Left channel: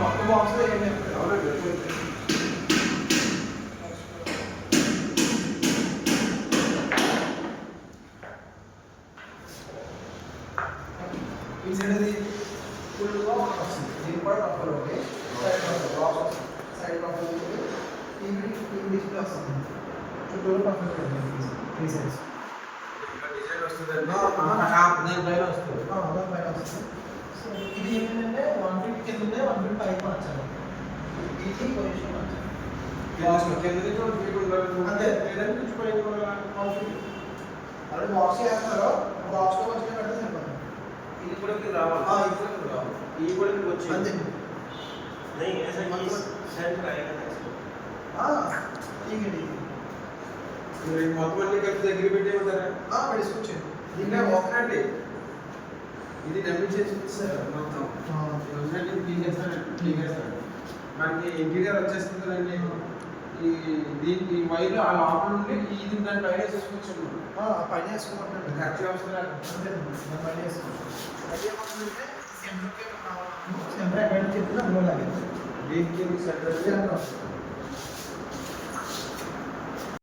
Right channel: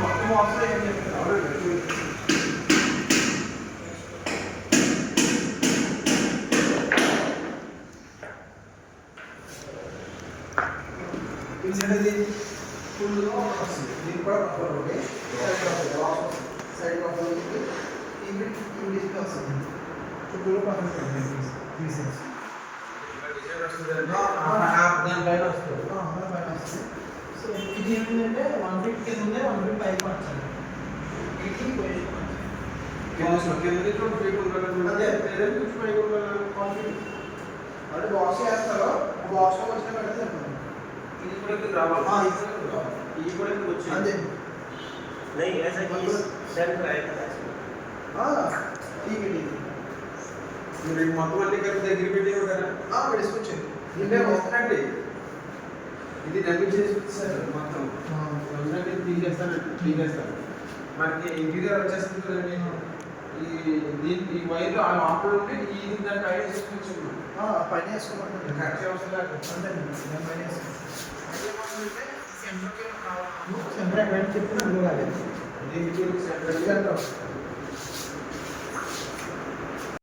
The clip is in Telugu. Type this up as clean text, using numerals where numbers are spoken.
మొత్తం బాక్స్ అయింది. ఇది ఫుల్గా వస్తుంది. దీనికి కూడా కప్పలు ఉంది. సైడ్ కప్పలు డిస్ప్లే వస్తుంది. ఫుల్ పర్ఫెక్ట్ త్రీ సైడ్స్ దానిపైన వస్తుంది. సో ఇది ఏంటంటే 150 ఉంది, 150 మార్చాలి. ఇది పొజిషన్ అంటే బాక్స్ వేస్తారో ఆ బాక్స్ వచ్చిన పెడితే ఇది కూడా రావాలి. ఇది కూడా వచ్చి అంతే. नहीं ऐसा ये सेल्फ आएगा ठीक है మీరు మొత్తం అన్ని కలిపి దగ్గర పెట్టి ఉంటారా? పెట్టుకోవచ్చు. అంటే ఒకటి ఇది డబ్బు చేసుకొచ్చారు మొత్తం ఒకసారి తీసేస్తాను. మనకి ఇంటీరియర్ వచ్చేస్తుందండి. ఈ వైర్లు ఆ లోపల నుండి ఇది దాని పైన వేసుకొచ్చాను. పైన వేసుకోమంటే ఖర్చు అవసరం లేదు. అంతే దాని పైన వేసుకోండి. సెంటర్ ఎక్కడ చెప్తే అందులో లాగే దీనికి సెంటర్